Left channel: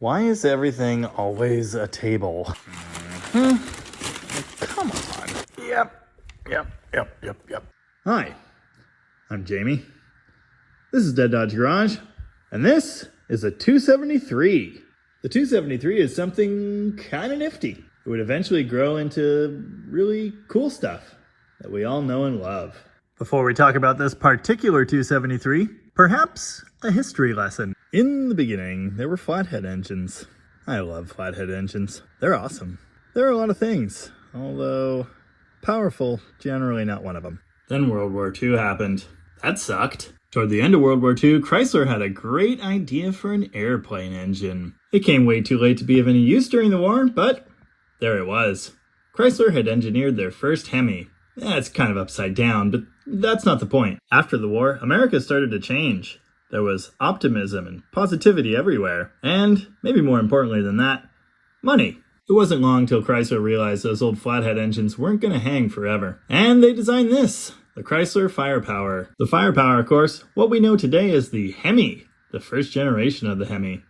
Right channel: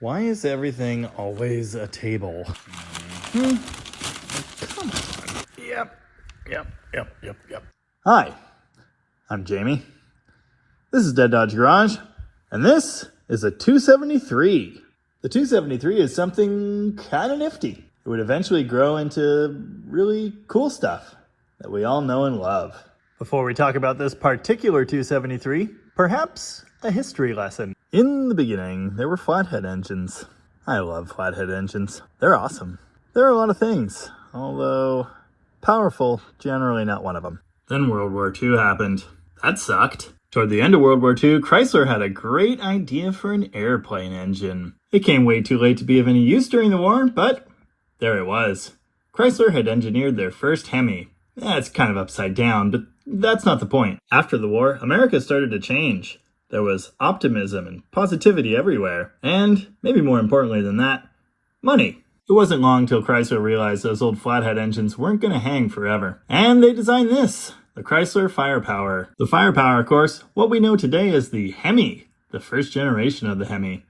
Why is everything always a table? Come on. Yep. Hi, I'm Jamie. This is Dead Dodge Garage, and this is a 273. The 273 is something kind of nifty. It would eventually grow into really cool stuff that we all know and love. Before we talk about this particular 273, perhaps a history lesson. In the beginning, there were flathead engines. I love flathead engines. They're awesome. There are a lot of things, although powerful, generally not one of them. Then World War II happened. That sucked. Toward the end of World War II, Chrysler had a great idea for an airplane engine. It came way too late to be of any use during the war, but there it was. Chrysler had engineered their first Hemi. It's kind of upside down, but that's not the point. After the war, America started to change. There was optimism and positivity everywhere, and, maybe more importantly than that, money. It wasn't long till Chrysler realized those old flathead engines weren't going to hang forever. And they designed this, the Chrysler Firepower. The Firepower, of course, what we know today as the Hemi, the first generation of the Hemi.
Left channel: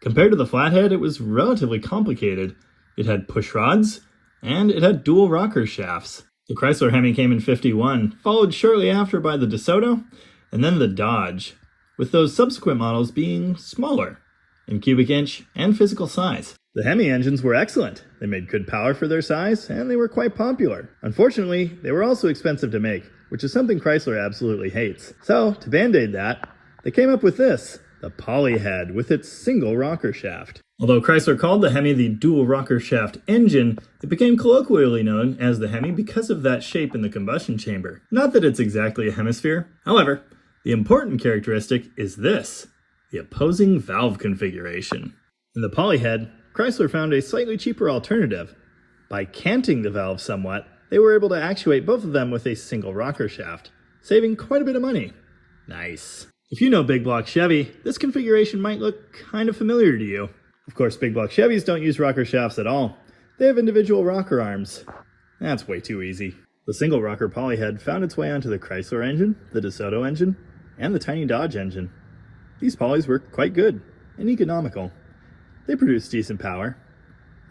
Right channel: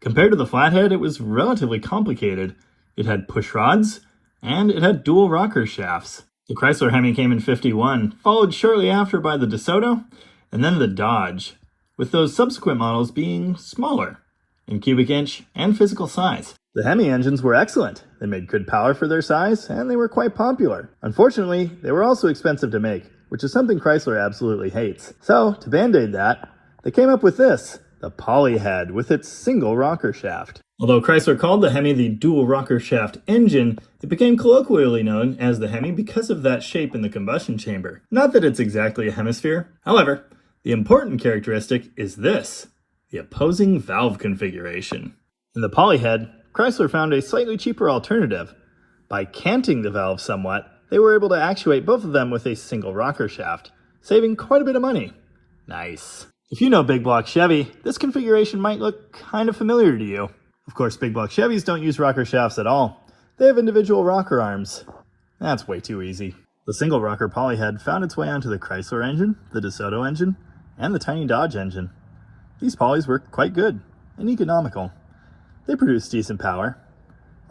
Compared to the flathead, it was relatively complicated. It had push rods, and it had dual rocker shafts. The Chrysler Hemi came in '51, followed shortly after by the DeSoto, and then the Dodge, with those subsequent models being smaller in cubic inch and physical size. The Hemi engines were excellent. They made good power for their size, and they were quite popular. Unfortunately, they were also expensive to make, which is something Chrysler absolutely hates. So, to band-aid that, they came up with this, the Polyhead, with its single rocker shaft. Although Chrysler called the Hemi the dual rocker shaft engine, it became colloquially known as the Hemi because of that shape in the combustion chamber. Not that it's exactly a hemisphere. However, the important characteristic is this, the opposing valve configuration. In the Polyhead, Chrysler found a slightly cheaper alternative. By canting the valve somewhat, they were able to actuate both of them with a single rocker shaft, saving quite a bit of money. Nice. If you know big block Chevy, this configuration might look kind of familiar to you. Of course, big block Chevys don't use rocker shafts at all. They have individual rocker arms. That's way too easy. The single rocker Polyhead found its way onto the Chrysler engine, the DeSoto engine, and the tiny Dodge engine. These Polys were quite good and economical. They produced decent power,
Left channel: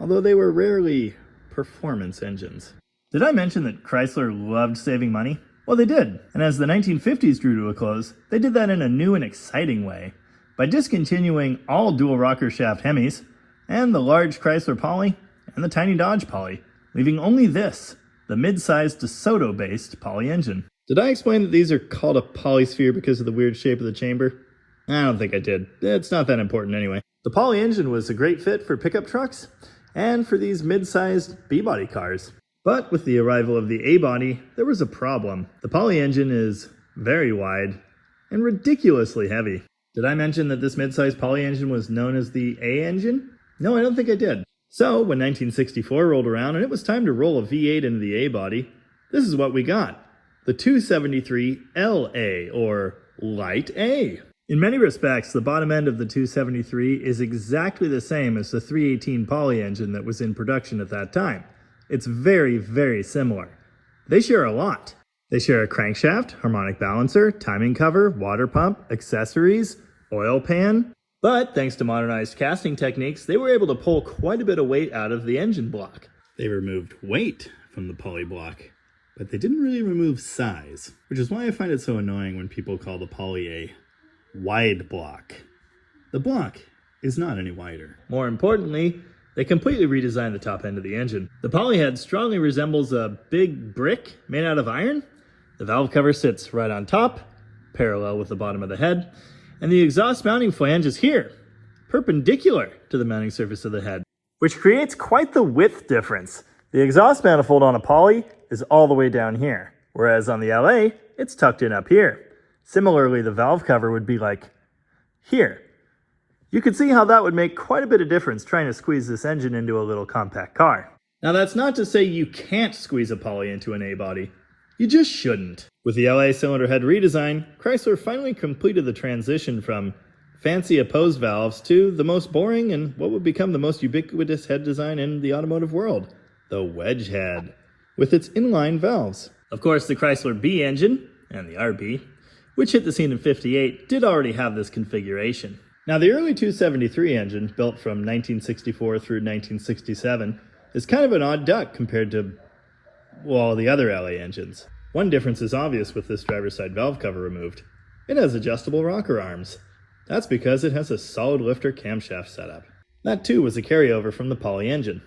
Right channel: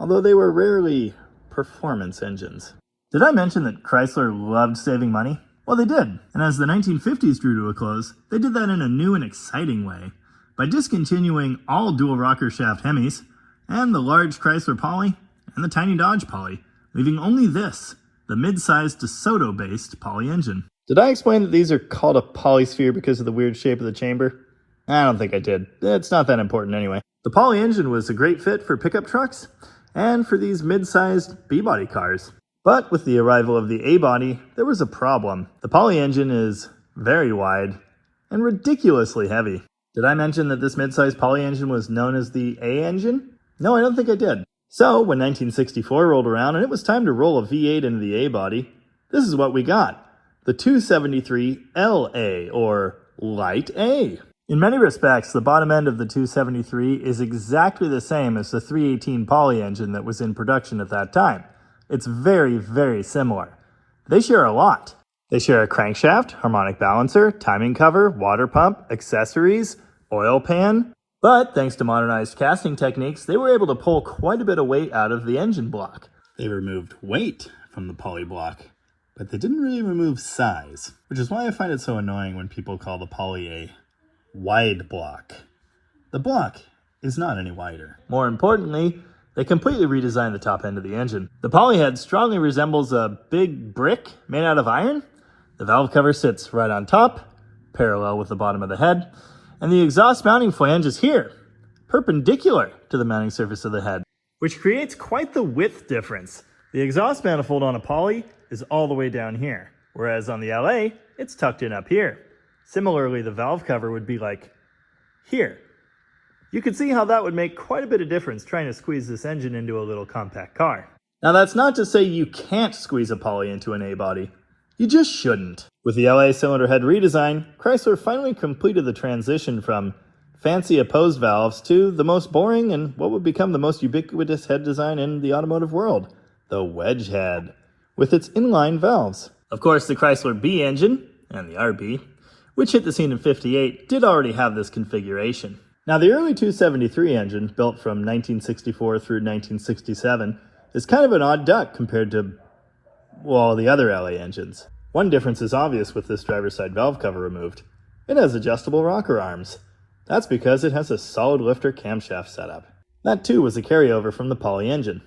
although they were rarely performance engines. Did I mention that Chrysler loved saving money? Well, they did, and as the 1950s drew to a close, they did that in a new and exciting way, by discontinuing all dual rocker shaft Hemis, and the large Chrysler Poly, and the tiny Dodge Poly, leaving only this, the mid-sized DeSoto-based Poly engine. Did I explain that these are called a polysphere because of the weird shape of the chamber? I don't think I did. It's not that important anyway. The Poly engine was a great fit for pickup trucks and for these mid-sized B-body cars. But with the arrival of the A-body, there was a problem. The Poly engine is very wide and ridiculously heavy. Did I mention that this mid-sized Poly engine was known as the A engine? No, I don't think I did. So, when 1964 rolled around and it was time to roll a V8 into the A-body, this is what we got. The 273LA, or Light A. In many respects, the bottom end of the 273 is exactly the same as the 318 Poly engine that was in production at that time. It's very, very similar. They share a lot. They share a crankshaft, harmonic balancer, timing cover, water pump, accessories, oil pan. But thanks to modernized casting techniques, they were able to pull quite a bit of weight out of the engine block. They removed weight from the Poly block, but they didn't really remove size, which is why I find it so annoying when people call the Poly a wide block. The block is not any wider. More importantly, they completely redesigned the top end of the engine. The Polyhead strongly resembles a big brick made out of iron. The valve cover sits right on top, parallel with the bottom of the head, and the exhaust mounting flange is here, perpendicular to the mounting surface of the head, which creates quite the width difference. The exhaust manifold on a Poly is all the way down here, whereas on the LA, it's tucked in up here. Similarly, the valve cover would be like here. You could see how that would make quite a bit of difference trying to squeeze this engine into a little compact car. Now that's not to say you can't squeeze a Poly into an A-body. You just shouldn't. With the LA cylinder head redesign, Chrysler finally completed the transition from fancy opposed valves to the most boring and what would become the most ubiquitous head design in the automotive world, the wedge head, with its inline valves. Of course, the Chrysler B engine, and the RB, which hit the scene in '58, did already have this configuration. Now, the early 273 engine, built from 1964 through 1967, is kind of an odd duck compared to, well, the other LA engines. One difference is obvious with this driver's side valve cover removed. It has adjustable rocker arms. That's because it has a solid lifter camshaft setup. That too was a carryover from the Poly engine.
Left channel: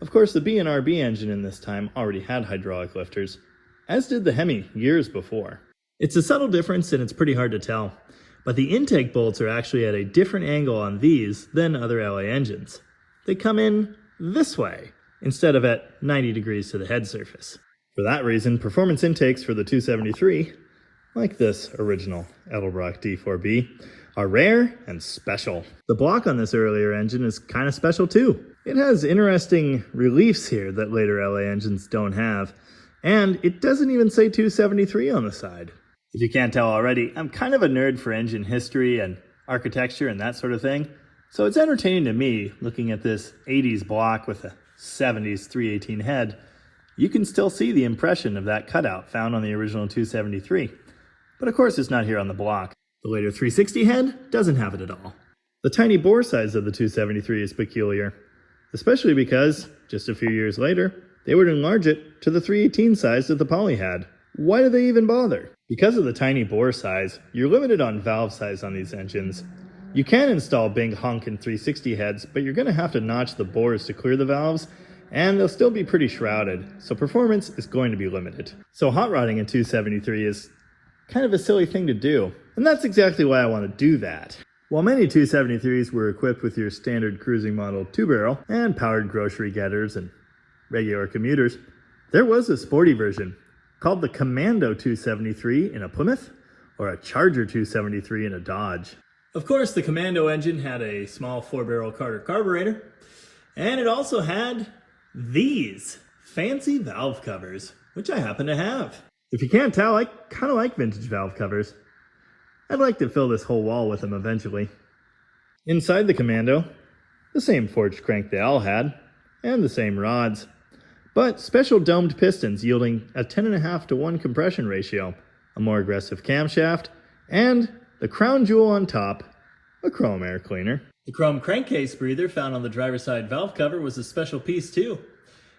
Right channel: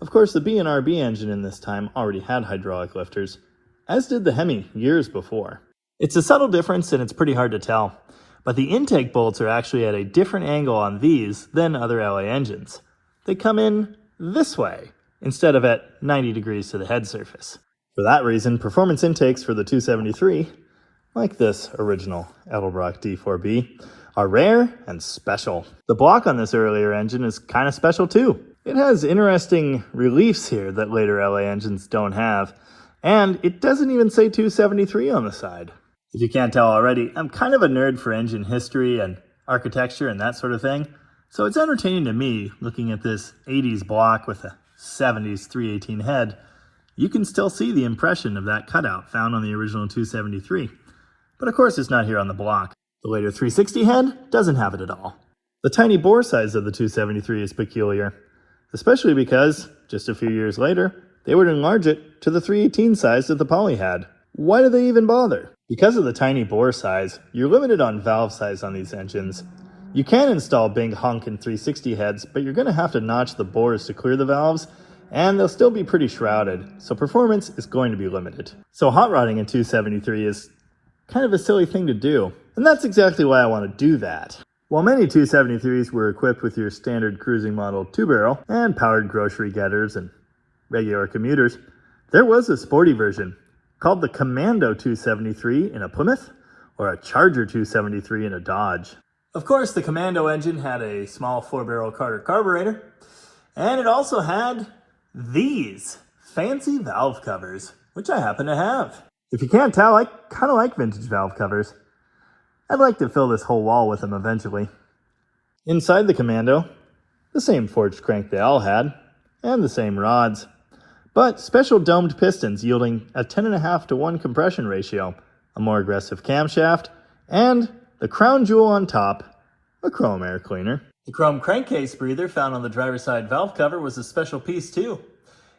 Of course, the B&RB engine in this time already had hydraulic lifters, as did the Hemi years before. It's a subtle difference and it's pretty hard to tell, but the intake bolts are actually at a different angle on these than other LA engines. They come in this way, instead of at 90 degrees to the head surface. For that reason, performance intakes for the 273, like this original Edelbrock D4B, are rare and special. The block on this earlier engine is kind of special too. It has interesting reliefs here that later LA engines don't have, and it doesn't even say 273 on the side. If you can't tell already, I'm kind of a nerd for engine history and architecture and that sort of thing, so it's entertaining to me looking at this 80s block with a 70s 318 head. You can still see the impression of that cutout found on the original 273, but of course it's not here on the block. The later 360 head doesn't have it at all. The tiny bore size of the 273 is peculiar, especially because, just a few years later, they would enlarge it to the 318 size that the Poly had. Why do they even bother? Because of the tiny bore size, you're limited on valve size on these engines. You can install big honkin' 360 heads, but you're going to have to notch the bores to clear the valves, and they'll still be pretty shrouded, so performance is going to be limited. So hot rodding a 273 is kind of a silly thing to do. And that's exactly why I want to do that. While many 273s were equipped with your standard cruising model 2-barrel and powered grocery getters and regular commuters, there was a sporty version called the Commando 273 in a Plymouth or a Charger 273 in a Dodge. Of course, the Commando engine had a small 4-barrel Carter carburetor, and it also had these fancy valve covers, which I happen to have. If you can't tell, I kind of like vintage valve covers. I'd like to fill this whole wall with them eventually. Inside the Commando, the same forged crank they all had, and the same rods, but special domed pistons yielding a 10.5-to-1 compression ratio, a more aggressive camshaft, and the crown jewel on top, a chrome air cleaner. The chrome crankcase breather found on the driver's side valve cover was a special piece too.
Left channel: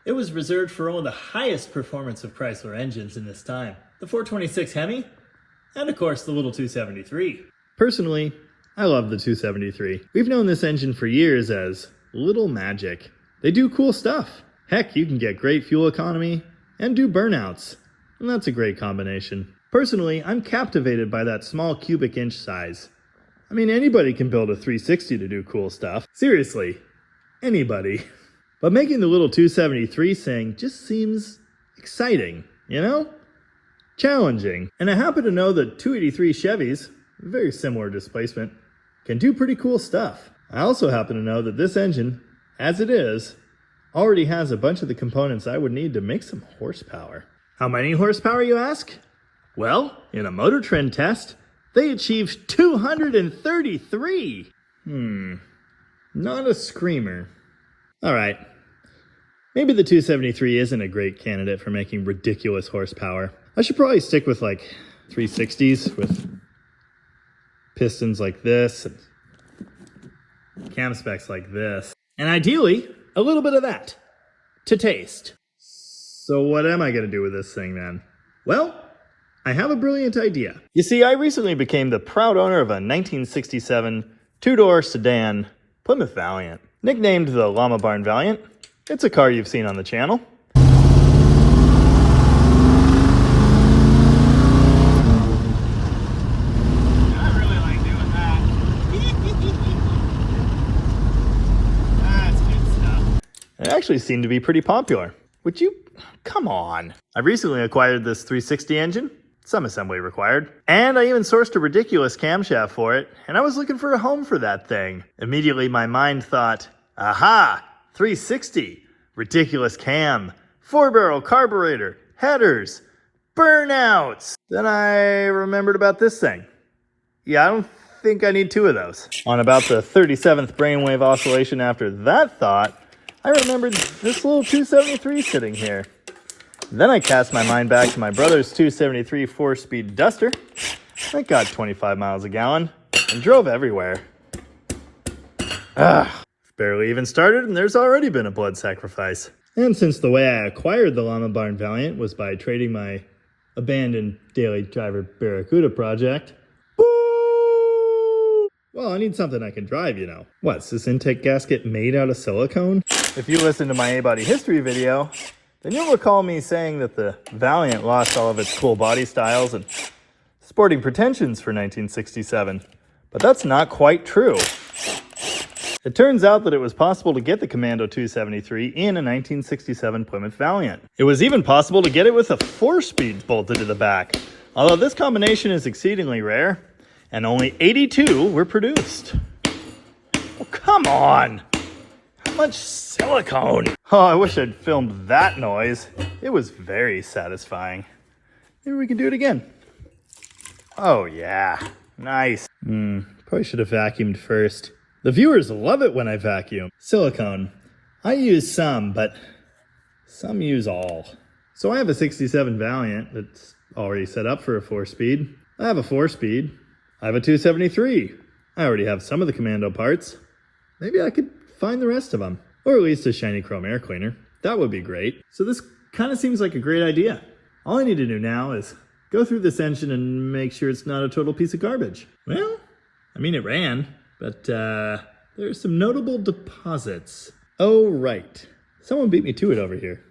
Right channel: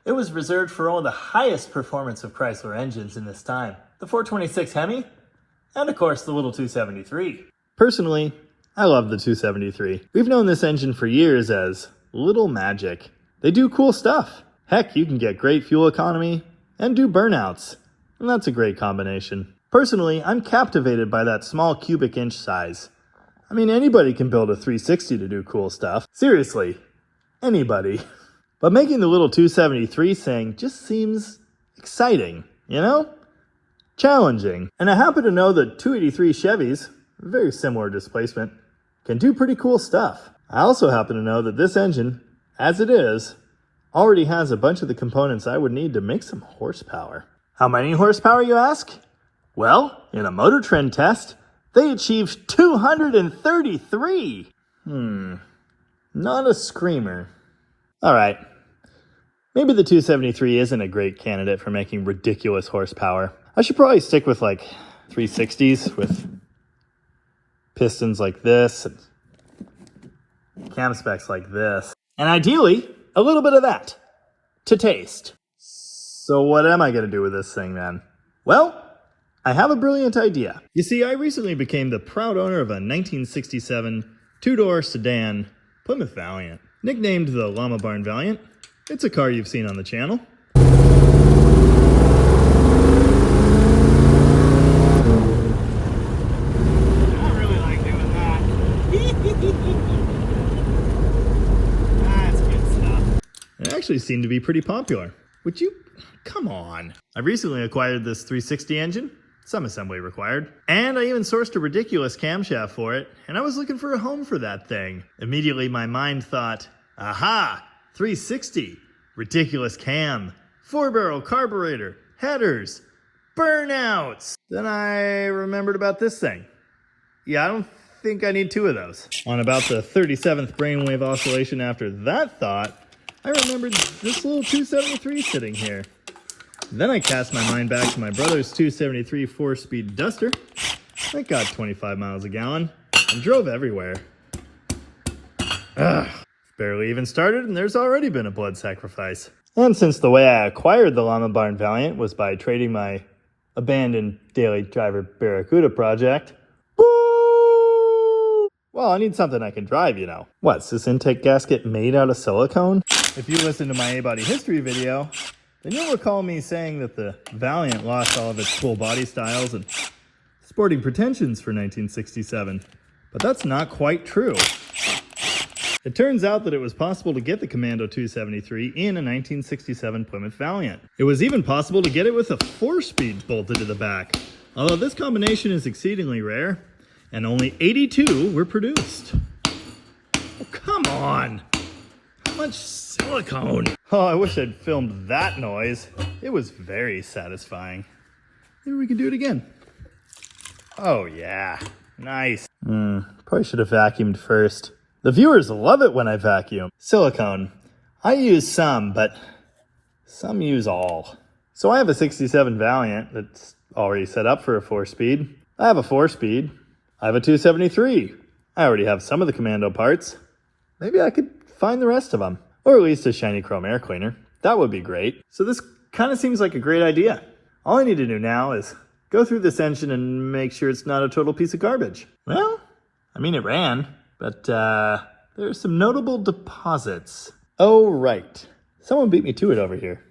It was reserved for one of the highest performance of Chrysler engines in this time, the 426 Hemi, and of course the little 273. Personally, I love the 273. We've known this engine for years as Little Magic. They do cool stuff. Heck, you can get great fuel economy and do burnouts, and that's a great combination. Personally, I'm captivated by that small cubic inch size. I mean, anybody can build a 360 to do cool stuff. Seriously, anybody. But making the little 273 thing just seems exciting, you know? Challenging. And I happen to know that 283 Chevys, very similar displacement, can do pretty cool stuff. I also happen to know that this engine, as it is, already has a bunch of the components I would need to make some horsepower. How many horsepower, you ask? Well, in a Motor Trend test, they achieved 233. Not a screamer. Alright, maybe the 273 isn't a great candidate for making ridiculous horsepower. I should probably stick with like 360s with pistons like this and cam specs like this. And ideally, a little bit of that to taste. So what am I going to do with this thing then? Well, I have a brilliant idea. You see, I recently became the proud owner of a 1967 two-door sedan Plymouth Valiant. Nicknamed the Llama Barn Valiant, it's a car you've seen on the channel. It actually seemed to be pretty popular. Would you? Come on. I recently acquired this 360 engine, some assembly required, and I even sourced a ridiculous camshaft for it, and I was looking for a home for that thing. Immediately my mind thought, aha, 360, ridiculous cam, 4-barrel carburetor, headers, burnouts. Then I remembered about this thing. Yeah, I don't think I need 2 of those. On about the 37th brainwave oscillation after that thought, I remembered this little 273 sitting here. Then I cast my mind back to my brother's 273 4-speed Duster that got 25 miles a gallon and drove everywhere. Barely even started and there's already been a blood sacrifice. And since the way I acquired the Llama Barn Valiant was by trading my abandoned daily driver Barracuda project, well, I need something I can drive, you know. What's this intake gasket made out of silicone? If you listen to my A-body history video, then you'll recall me saying that the Valiant lost all of its cool body styles and sporting pretensions for 1967. But that's not quite true. It turns out that it was possible to get the Commando 273 in a 1967 Plymouth Valiant. It was even possible to get it with a 4-speed bolted to the back, although this combination is exceedingly rare, and only 82 were produced. Oh, come on! How much silicone? Oh, I wish I'd filmed that noise. It was very satisfying. Maybe we can do it again. Oh yeah, nice. Probably should have vacuumed first. The viewers love it when I vacuum. Silicone. I use some, but some use all. So I have a 67 Valiant that's already set up for a 4-speed. I have a 4-speed. I have a 273. I already have some of the Commando parts. Maybe I could find the rest of them. Or at least a shiny chrome air cleaner. That would be great. So this kind of seems like a great idea. All I need to do now is go through this engine and make sure it's not a total piece of garbage. Well, I mean, it ran, but there are some notable deposits. Oh, right. Someone beat me to it over here.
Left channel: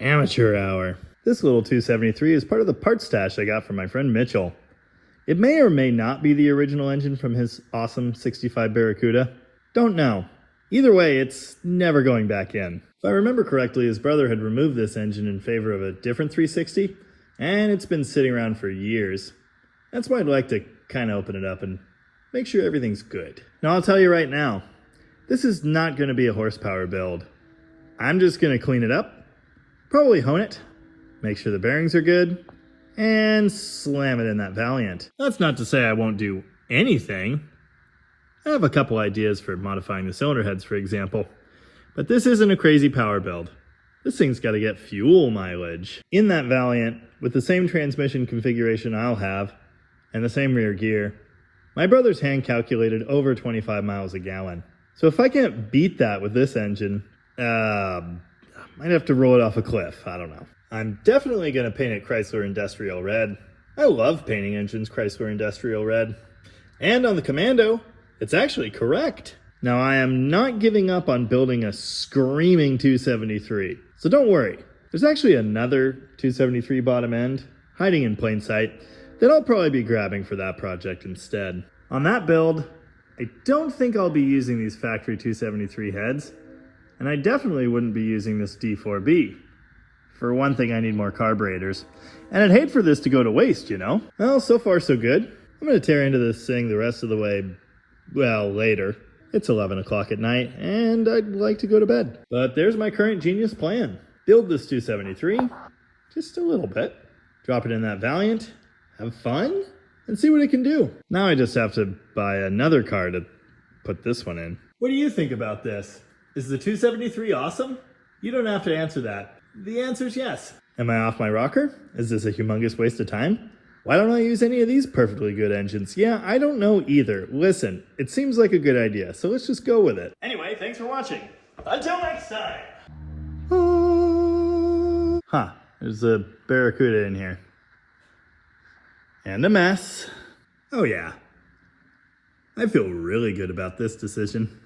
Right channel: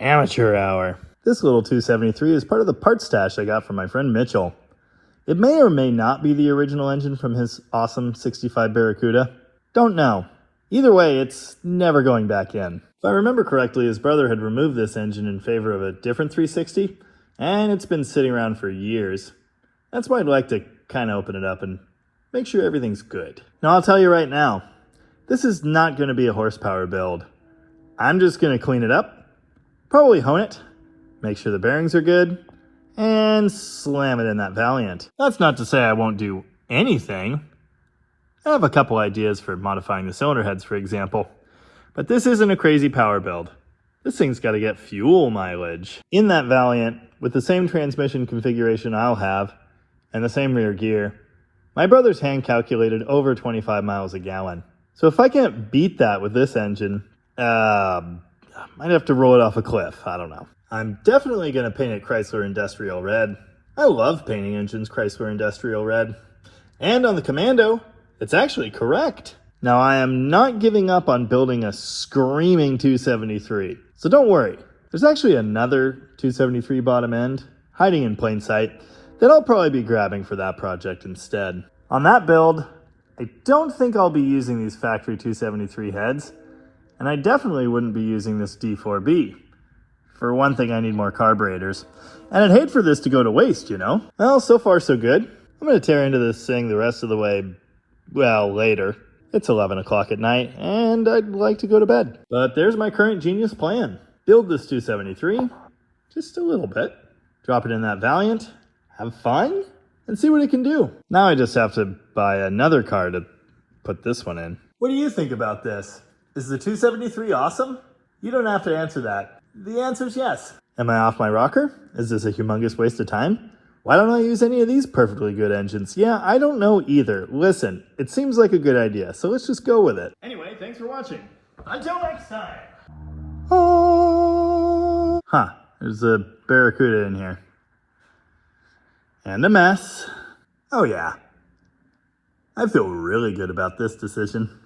Amateur hour. This little 273 is part of the parts stash I got from my friend Mitchell. It may or may not be the original engine from his awesome 65 Barracuda. Don't know. Either way, it's never going back in. If I remember correctly, his brother had removed this engine in favor of a different 360, and it's been sitting around for years. That's why I'd like to kind of open it up and make sure everything's good. Now, I'll tell you right now, this is not going to be a horsepower build. I'm just going to clean it up, probably hone it, make sure the bearings are good, and slam it in that Valiant. That's not to say I won't do anything. I have a couple ideas for modifying the cylinder heads, for example. But this isn't a crazy power build. This thing's got to get fuel mileage. In that Valiant, with the same transmission configuration I'll have, and the same rear gear, my brother's hand calculated over 25 miles a gallon. So if I can't beat that with this engine, I might have to roll it off a cliff. I don't know. I'm definitely going to paint it Chrysler Industrial Red. I love painting engines Chrysler Industrial Red. And on the Commando, it's actually correct. Now, I am not giving up on building a screaming 273. So don't worry. There's actually another 273 bottom end hiding in plain sight that I'll probably be grabbing for that project instead. On that build, I don't think I'll be using these factory 273 heads, and I definitely wouldn't be using this D4B. For one thing, I need more carburetors, and I'd hate for this to go to waste, you know? Well, so far so good. I'm going to tear into this thing the rest of the way, well, later. It's 11 o'clock at night, and I'd like to go to bed. But there's my current genius plan. Build this 273, just a little bit. Drop it in that Valiant, have fun, and see what it can do. Now I just have to buy another car to put this one in. What do you think about this? Is the 273 awesome? You don't have to answer that. The answer's yes. Am I off my rocker? Is this a humongous waste of time? Why don't I use any of these perfectly good engines? Yeah, I don't know either. Listen, it seems like a good idea, so let's just go with it. Anyway, thanks for watching. Until next time. There's a Barracuda in here. And a mess. Oh yeah. I feel really good about this decision.